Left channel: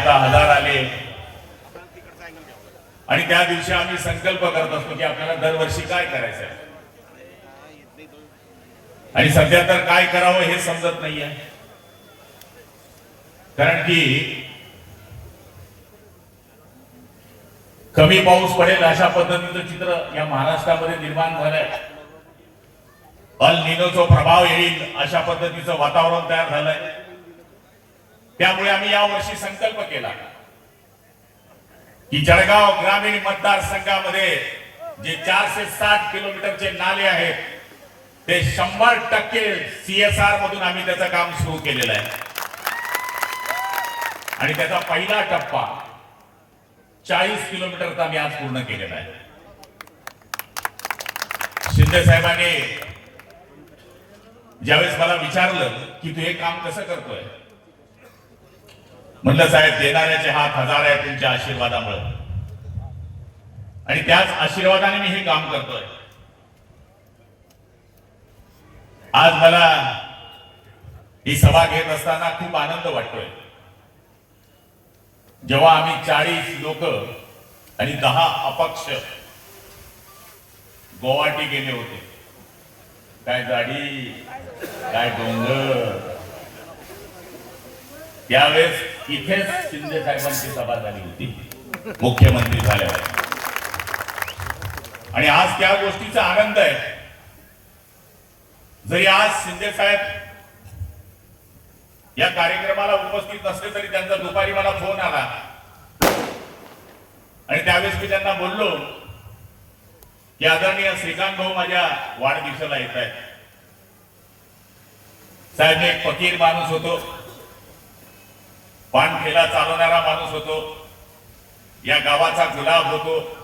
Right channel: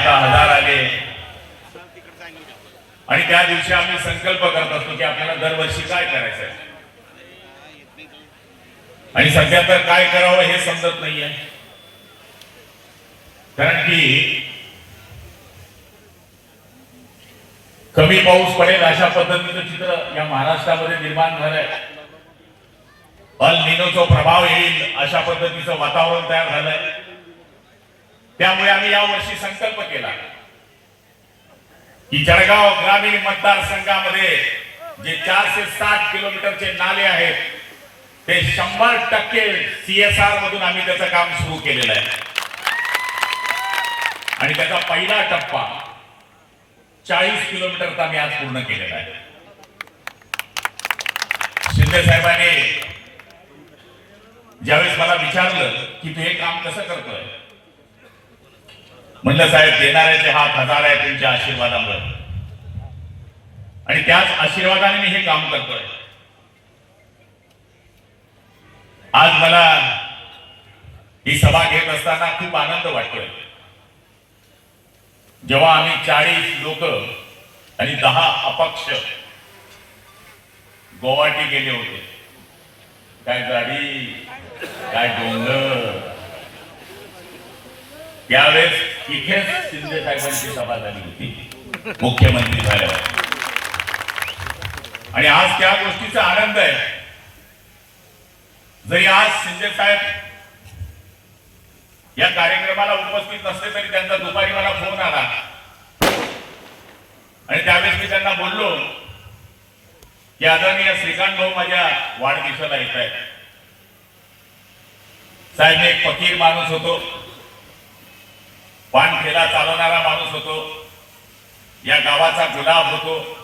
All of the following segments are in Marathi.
आता 1000 आले. आणि त्या दिवशी आम्ही संकल्प करत असतो की आपल्याला दरवर्षी काय करायचं आहे. आणि सध्या तर काय करावं हे समजत नाहीये. कारण की कमी पाऊस पडेल अशा पद्धतीचं चित्र या महाराष्ट्रामध्ये निर्माण झालंय. अल निनोचा प्रभाव येईल अशा पद्धतीचं वातावरण तयार झालंय. त्यामुळे आम्ही यावर्षी संकल्प केला की जळगाव ग्रामीण मतदारसंघामध्ये जे 460 किलोमीटरचे नाले आहेत ते 100% CSR मधून आम्ही त्याचं काम सुरू केलेलं आहे. आणि त्याचा पहिला टप्पा 40 किलोमीटरचा आम्ही आज पूर्ण केलेला आहे. शिंदे साहेबांनी ज्यावेळेस मला विचारलं की तू हे काम कसं करतोय, म्हणलं साहेब देणाऱ्याचे हात हजार आहे तुमच्या आशीर्वादामुळे, आणि त्याच आशीर्वादाने मी हे काम करतोय. आज मला ही सभा घेत असताना खूप आनंद वाटतोय. जेव्हा आम्ही 40 लोक आणि 10 अपक्ष गुवाहाटी गेले होते, काय गाडी काय डोंगर, त्यावेळेस इथेच शिंदे साहेबांची सभा झाली होती मुख्यमंत्री झाल्यावर. आणि आज त्या गोष्टीचा आनंद आहे. जरी आज शिंदे साहेब या कार्यक्रमाला उपस्थित नसले तरी त्यांचा दुपारी मला फोन आला आणि त्यावेळेस मी त्यांना बोललो की आदरणीय श्रीकांत भाऊ माझ्या वाढदिवसाला येत आहेत. साहेब मी एक फकीर माणूस होतो, पानठेला चालवणारा माणूस होतो, या गावाचा गुलाब होतो.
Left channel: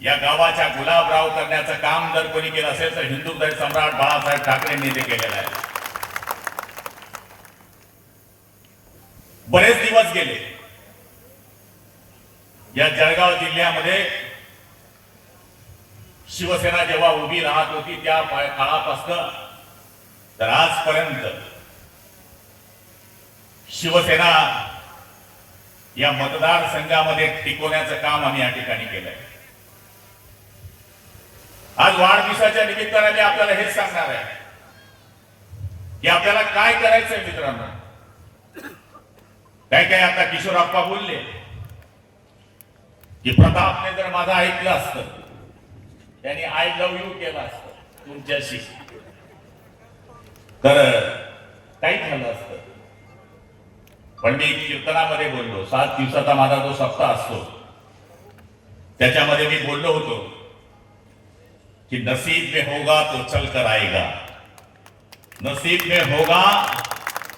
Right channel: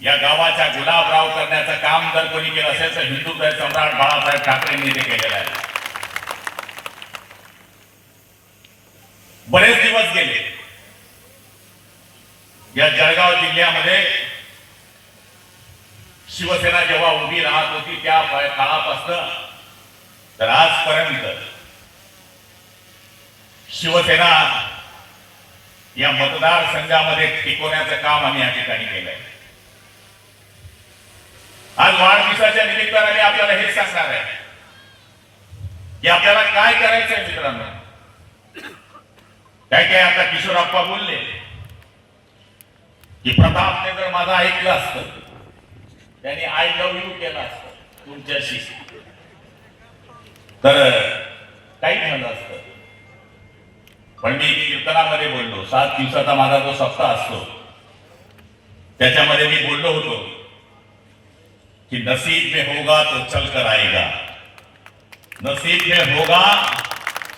या गावाच्या गुलाबराव करण्याचं काम जर कोणी केलं असेल तर हिंदुत्व सम्राट बाळासाहेब ठाकरेंनी ते केलेलं आहे. बरेच दिवस गेले या जळगाव जिल्ह्यामध्ये. शिवसेना जेव्हा उभी राहत होती त्या काळापासून तर आजपर्यंत शिवसेना या मतदारसंघामध्ये टिकवण्याचं काम आम्ही या ठिकाणी केलंय. आज वाढदिवसाच्या निमित्ताने आपल्याला हेच सांगणार आहे की आपल्याला काय करायचंय मित्रांनो. काय काय आता किशोरप्पा बोलले की प्रतापने जर माझं ऐकलं असतं, त्यांनी आय लव्ह यू केलं असतं तुमच्याशी, तर काही झालं असतं. पण मी कीर्तनामध्ये बोललो, 7 दिवसाचा माझा जो सप्ताह असतो त्याच्यामध्ये मी बोललो होतो कि नसीब में होगा तो चल कर आएगा, नसीब में होगा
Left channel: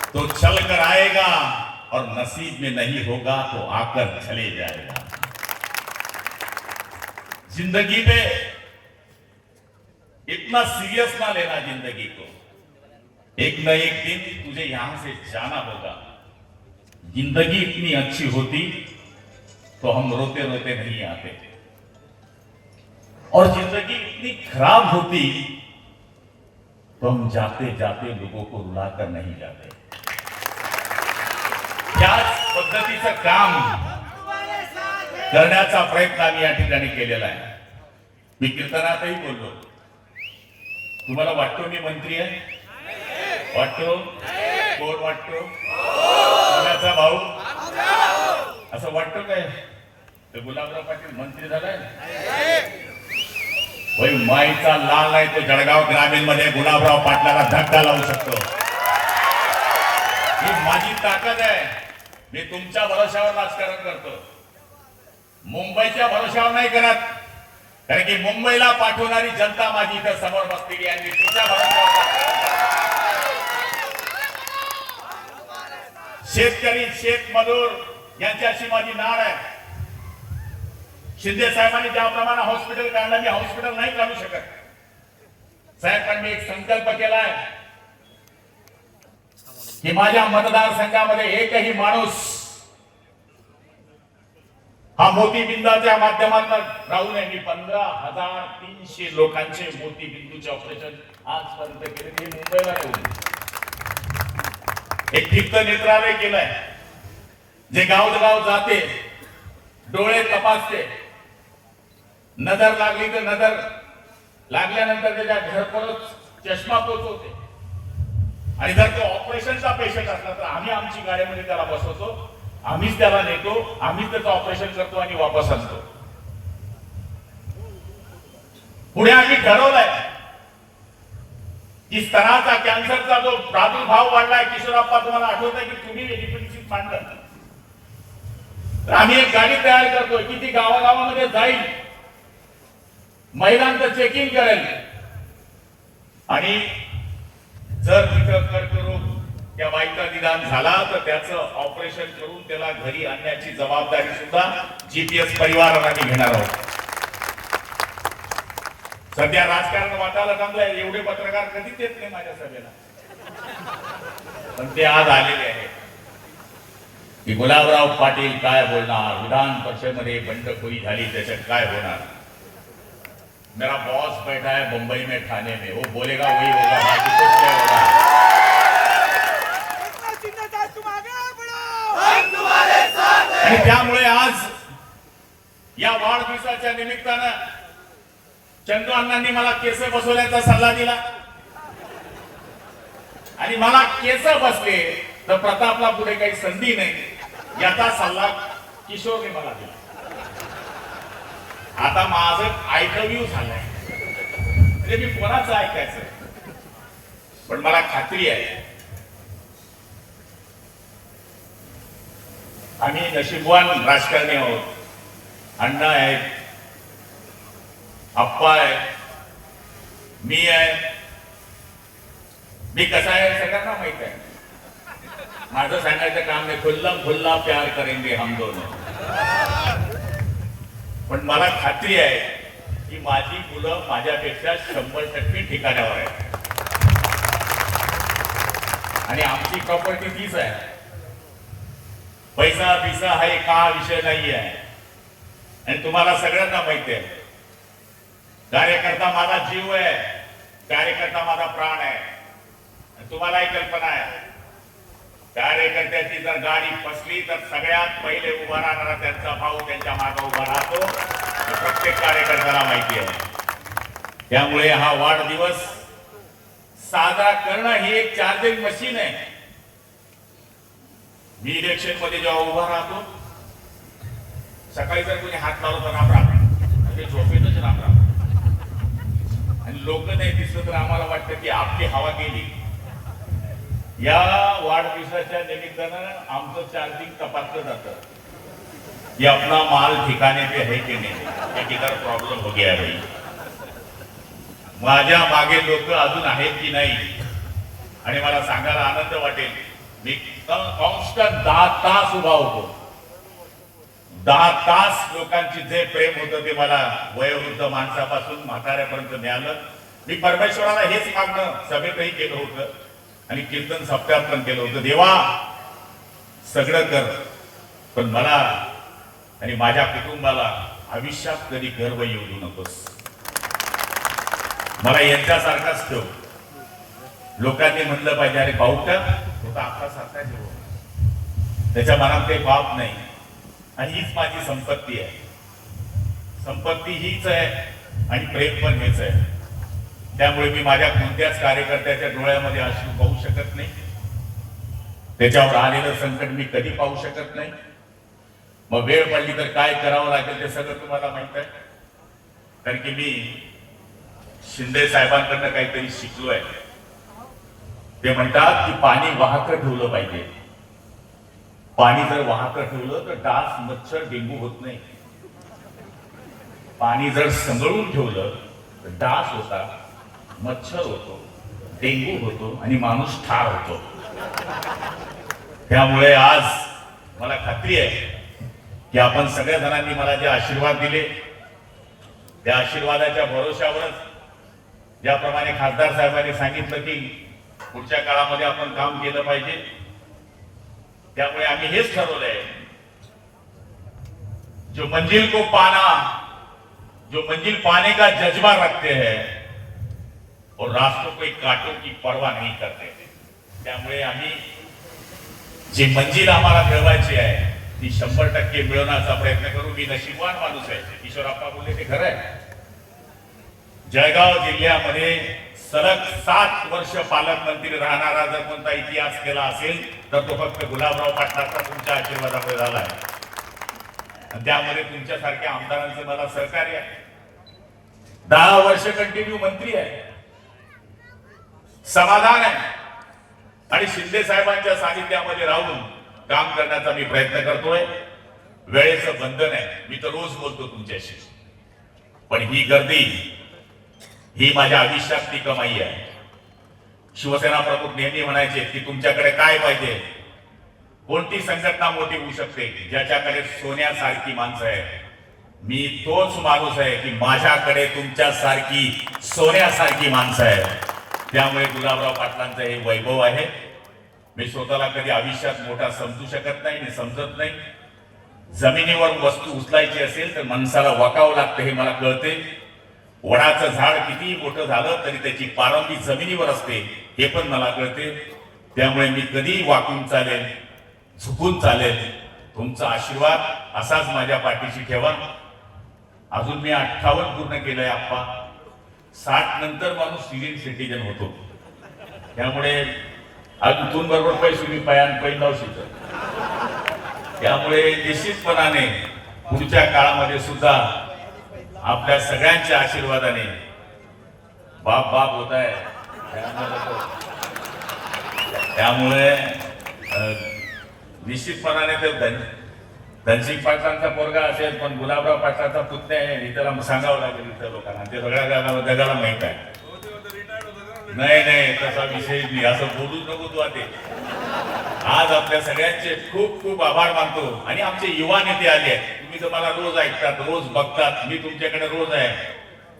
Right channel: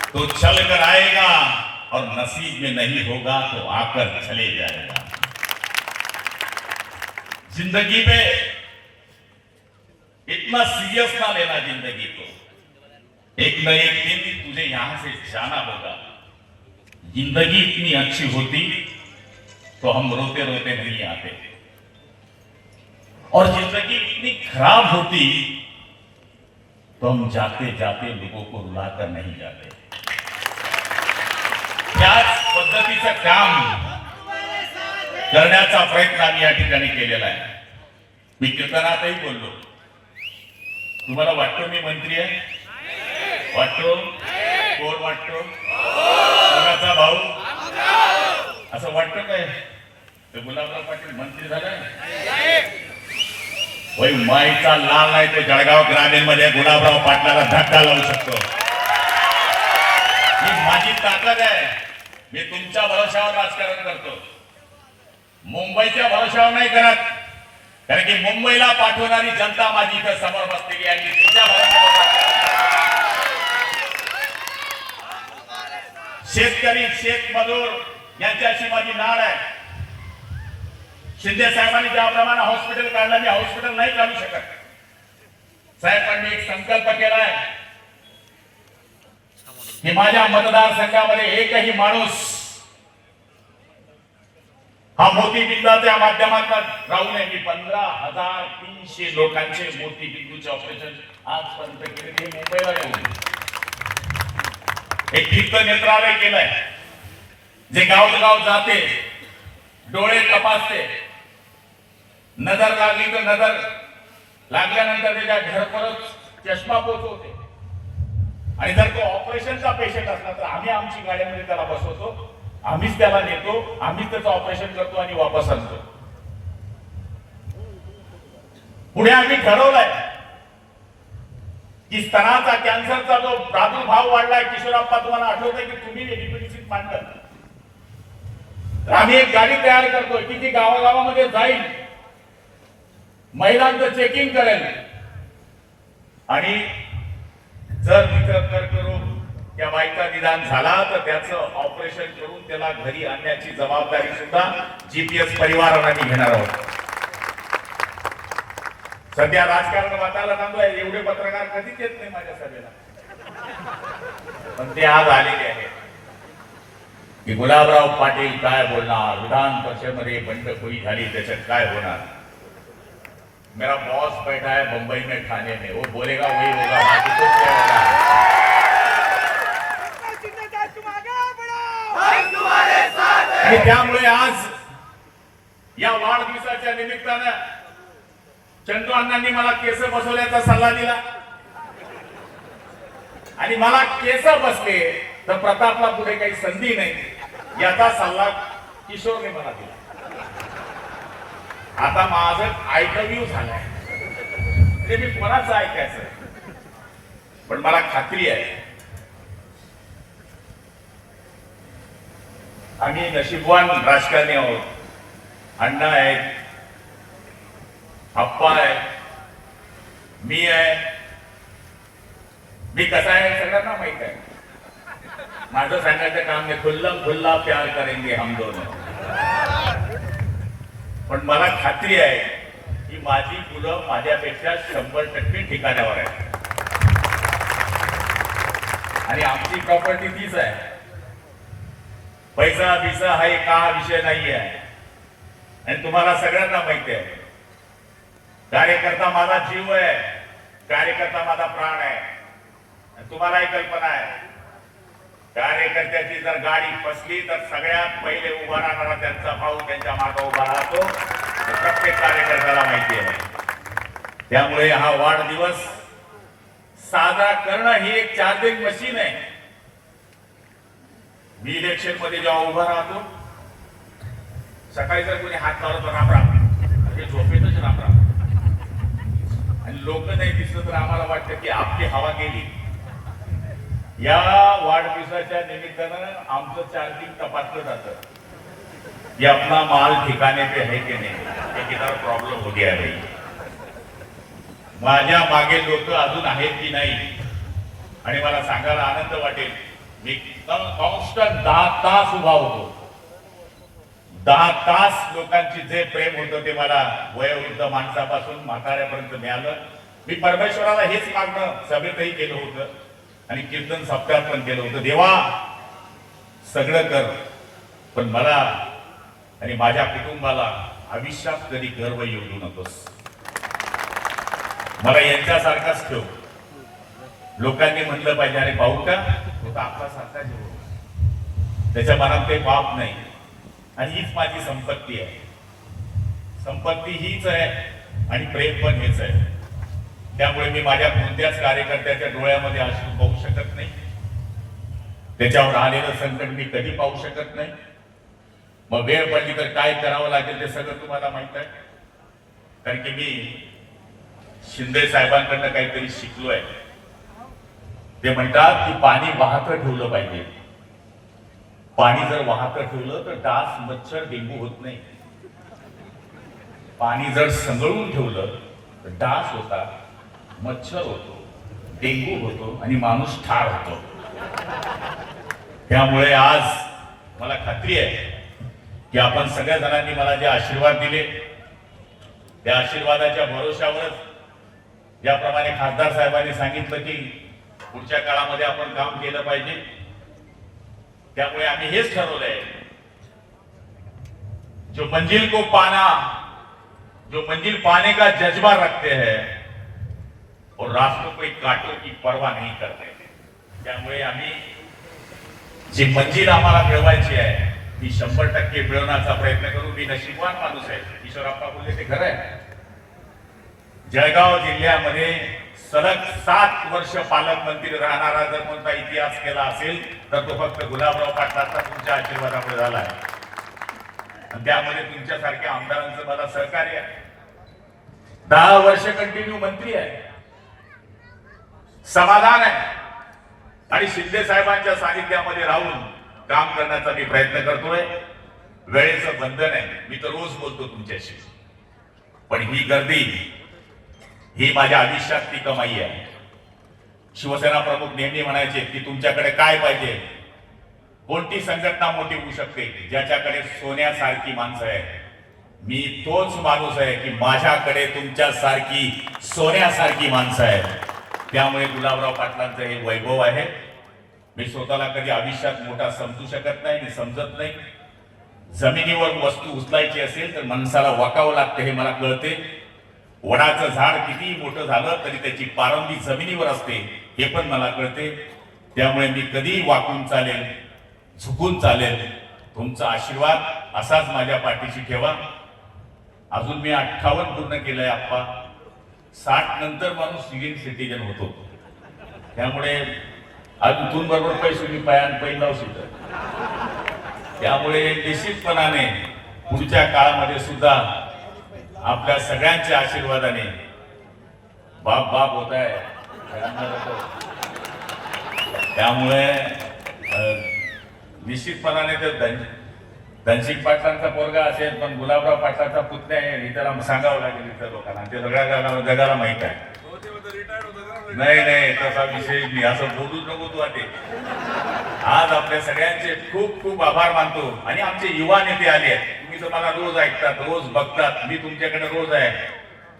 तो चल कर आएगा, और नसीब में नहीं होगा तो आकर चले जाएगा. जिंदगी पे इतना सीरियस ना लेना जिंदगी को. एक न एक दिन तुझे यहां से जाना होगा. जिंदगी इतनी अच्छी होती तो हम रोते रोते नहीं आते, और जिंदगी इतनी खराब होती तो हम जाते जाते लोगों को रुलाकर नहीं जाते. त्याच पद्धतीचं काम करण्याचा प्रयत्न आम्ही या ठिकाणी केलेला आहे. मी कीर्तनातही बोललो, तुम्हाला वाटतो मी मंत्री आहे? वाटतो? कोण वाटतो? कोणाचा भाऊ? असं वाटतो काय गुलाबराव पाटील मंत्री झालाय? होय, माईचा लाल नाही तो जळगाव ग्रामीण मध्ये गुलाबराव पाटलाला धक्का लावू शकतो. ही माझी ताकद आहे. मी तुमच्या भरोशावर राजकारण करतो, मुंबईच्या भरोशावर नाही करत. कारण की मुंबईला पाठवणारी जनता माझी इथं समोर बसलेली आहे. मी तुमच्या भरोशावर. शेतकरी शेतमजूर यांच्याशी माझी नाळ आहे. शिंदे साहेबांनी ज्याप्रमाणे हॉस्पिटल काढलं, मी हॉस्पिटल नाही काढू शकत. साहेबांनी एक संकल्प केलाय की माझ्या मतदारसंघामध्ये एकही माणूस हा मोतीबिंदाच्या माध्यमातून राहू नये. मी 15,300 लोकांचे मोतीबिंदूचे ऑपरेशन आजपर्यंत केले. ते मुंबईला ठेवले. एक ठिक्त नेत्रालय केलंय. जे गावोगाव जाते, डोळे तपासते, नजर लागली तर नजर लागल्यानंतर त्याच्या घरपोच चष्मा पोचवते, आणि जर तो ऑपरेशनचा पेशंट असला तर आम्ही आमची गाड्यामध्ये त्याला बसवतो, आम्हीच त्याला नेतो, आम्हीच त्याचं ऑपरेशन करतो आणि वापस आणतो. पुढे आम्ही ठरवलंय की स्तनाचा कॅन्सरचा जो प्रादुर्भाव वाढलाय, किशोरप्पा तुम्हाला आठवतंय की तुम्ही एडिटोरिशीट मांडलं, तर आम्ही एक गाडी तयार करतोय की ती गावागावामध्ये जाईल, महिलांचं चेकिंग करेल, आणि जर तिथं कर्करोग त्या बाईचा निदान झाला तर त्याचं ऑपरेशन करून त्याला घरी आणण्याची जबाबदारी सुद्धा जीपीएस परिवाराने घेणार आहोत. सध्या राजकारण वाटायला सांगतोय, एवढे पत्रकार कधीच येत नाही माझ्या सभेला, पण ते आज आलेले आहेत की गुलाबराव पाटील काय बोलणार, विधान परिषदेमध्ये बंडखोरी झाली त्याच्यात काय होणार. मेरा बॉस बैठा है मुंबई में थाने में, वो बोलेगा वही होगा, बाकी कुछ नहीं होगा. आणि त्यामुळे आज या वाढदिवसाच्या निमित्तानं चंदू अण्णांनी मला केस बसवण्याचा सल्ला दिला, आणि मला केस बसले तर प्रतापला पुढे काही संधी नाही याचा सल्ला किशोरने मला दिला. आता माझं ऐकव्यू झालंय, म्हणजे मी कोणाचं ऐकायचं, पण मला खात्री आहे आम्ही नशीबवान राजकारणी आहोत. अण्णा आहेत, अप्पा आहे, मी आहे. मी कसा आहे सगळ्यांना माहित आहे. माझं सांगायचं काम नाही, खुल्लम खुल्ला प्यार करेंगे हम दोनों. पण मला खात्री आहे की माझी मुलं माझ्यापेक्षा 100% ठिकाण्यावर आहे, आणि आमची प्रॉपर्टी तीच आहे. पैसा बिसा हा एक का विषय नाही आहे, आणि तुम्हाला सगळ्यांना माहिती आहे कार्यकर्ता माझा जीव आहे, कार्यकर्ता माझा प्राण आहे. तुम्हालाही कल्पना आहे, कार्यकर्त्याची जर गाडी फसली तर सगळ्यात पहिले उभा राहणारा त्यांचा भाऊ त्यांच्या मागे उभा राहतो, प्रत्येक कार्यकर्त्याला माहिती आहे. त्यामुळे हा वाढदिवस साजरा करणं ही एक चार्जिंग मशीन आहे. मी इलेक्शन मध्ये जेव्हा उभा राहतो, सकाळी जर कोणी हात लावला तर रामराम, म्हणजे झोपेतच रामराम, आणि लोक नाही दिसलं तर आम्हाला वाटतं की आपली हवा गेली. या वाढदिवसाच्या निमित्तानं आमचं चार्जिंग तपासलं जातं की अपना माल ठिकाणे पे है की नाही, एक इतर प्रॉब्लेम हो गया भाई. माझ्या मागे लोक अजून आहेत की नाही, आणि मला सांगायला आनंद वाटेल, मी कॉन्स्टंट 10 तास उभा होतो. 10 तास लोकांची जे प्रेम होतं ते मला वयोवृद्ध माणसापासून म्हाताऱ्यापर्यंत मिळालं. मी परमेश्वराला हेच मागणं सभेतही केलं होतं आणि कीर्तन सप्त्यात पण केलं होतं, देवा सगळं कर, पण मला आणि माझ्या कुटुंबाला आयुष्यात कधी गर्व येऊ देऊ नकोस. मला यांच्यासारखाच ठेव. लोकांनी म्हणलं पाहिजे, अरे भाऊ का होता आपला सारखा जीव, त्याच्या मनात काही पाप नाही, आणि हीच माझी संपत्ती आहे. संपत्ती हीच आहे आणि प्रेम पण हेच आहे. त्यामुळे मी माझ्या कोणत्याच कार्यकर्त्याच्या डोळ्यामध्ये अश्रू पाहू शकत नाही, त्याच्यावर आलेलं संकट मी कधी पाहू शकत नाही. मग वेळ पडली तर काय करावं लागेल ते सगळं तुम्हाला माहित आहे, कारण की मी शिंदे साहेबांकडनं काहीतरी शिकलोय. ते म्हणतात की पाणी वाहतं ठेवलं पाहिजे. पाणी जर वाहतं ठेवलं तर डास, मच्छर, डेंगू होत नाही. पाणी जर संगळून ठेवलं तर डास होता, मच्छर होतो, डेंगू होतो, आणि माणूस ठार होतो. त्यामुळे आज मला खात्री आहे की आपण सगळ्या जणांनी मला जे आशीर्वाद दिले, त्या आशीर्वादाच्या भरोश्यावरच, ज्याप्रमाणे खासदार साहेबांनी सांगितलं की पुढच्या काळामध्ये आपण काम केलं पाहिजे, त्यामुळे आम्ही हेच ठरवलंय, जो मंजिल को पाना, जो मंजिल पाने का जज्बा रखते हैं और रास्तों को कांटों की परवाह नहीं करते. त्यामुळे आम्ही जी मंजिल आम्हाला मिळवायची आहे ती 100% मिळवण्याचा प्रयत्न करू. मी नशीबवान माणूस आहे. ईश्वरप्पा बोलले ते खरं आहे. जळगाव जिल्ह्यामध्ये सलग 7 वर्ष पालकमंत्री राहणारा जर कोणता इतिहास केला असेल तर तो फक्त गुलाबराव पाटलांचा तुमच्या आशीर्वादामुळे झाला आहे. आणि त्यामध्ये तुमच्यासारख्या आमदारांचं मला सहकार्य आहे. 10 वर्ष कंटिन्यू मंत्री आहे, समाधान आहे आणि शिंदे साहेबांच्या सानिध्यामध्ये राहून काम करण्याचा मी प्रयत्न करतोय. वेळेचं बंधन आहे, मी तर रोज बोलतो तुमच्याशी, पण ही गर्दी ही माझ्या आयुष्यातली कमाई आहे. शिवसेना प्रमुख नेहमी म्हणायचे की तुमच्याकडे काय पाहिजे, कोणती संघटना मोठी होऊ शकते, ज्याच्याकडे सोन्यासारखी माणसं आहे. मी तोच माणूस आहे की माझ्याकडे तुमच्यासारखी सोन्यासारखी माणसं आहेत. त्यामुळे गुलाबराव पाटलांचं हे वैभव आहे. मी स्वतःला कधी आयुष्यात मोठा समजू शकत नाही आणि समजत नाही. जमिनीवर वस्तू उचलायची असेल तर माणसाला वाकावं लागतं हे मला कळते. वडाचं झाड कितीही मोठं झालं तरी त्याची पारंबी जमिनीवर असते हे पण मला कळते. त्यामुळे मी कधीही वाकून चालेल, झुकून चालेल. तुमचा आशीर्वाद असाच माझ्या पाठीशी ठेवा. अजून मी 58 पूर्ण केलंय आप्पा. 60 नंतर माणूस सिनियर सिटीजन होतो. त्यामुळे अजून बरोबर पैसे मी पैन लावू शकतो. त्यामुळे निश्चितपणाने पुढच्या काळामध्ये सुद्धा आपल्या सगळ्यांच्या आशीर्वादाने बाप बाप होत आहे. त्यामुळे निश्चितपणाने ते धनसिंग पाटलांचा पोरगा असेल पण गुलाबराव पाटलांचा पुतण्या आहे हे त्याला सांगावं लागेल इतर लोकांना. ते सगळ्या जगाला माहित आहे. नाही नाही तसा विषय नाही, असं बोलूच नको तू आता. आज आपल्या सगळ्यांचे खूप खूप आभार मानतो. आणि आमचे युवा नेते आले आहेत. तुम्ही तर मला रोज ऐकतात, रोज बघतात. मी तुमच्याकडे रोज आहे,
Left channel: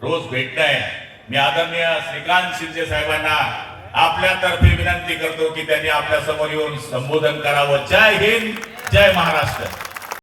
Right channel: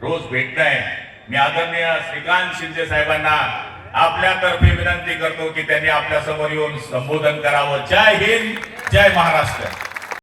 रोज भेटताय. मी आदरणीय श्रीकांत शिंदे साहेबांना आपल्यातर्फे विनंती करतो की त्यांनी आपल्या समोर येऊन संबोधन करावं. जय हिंद, जय महाराष्ट्र.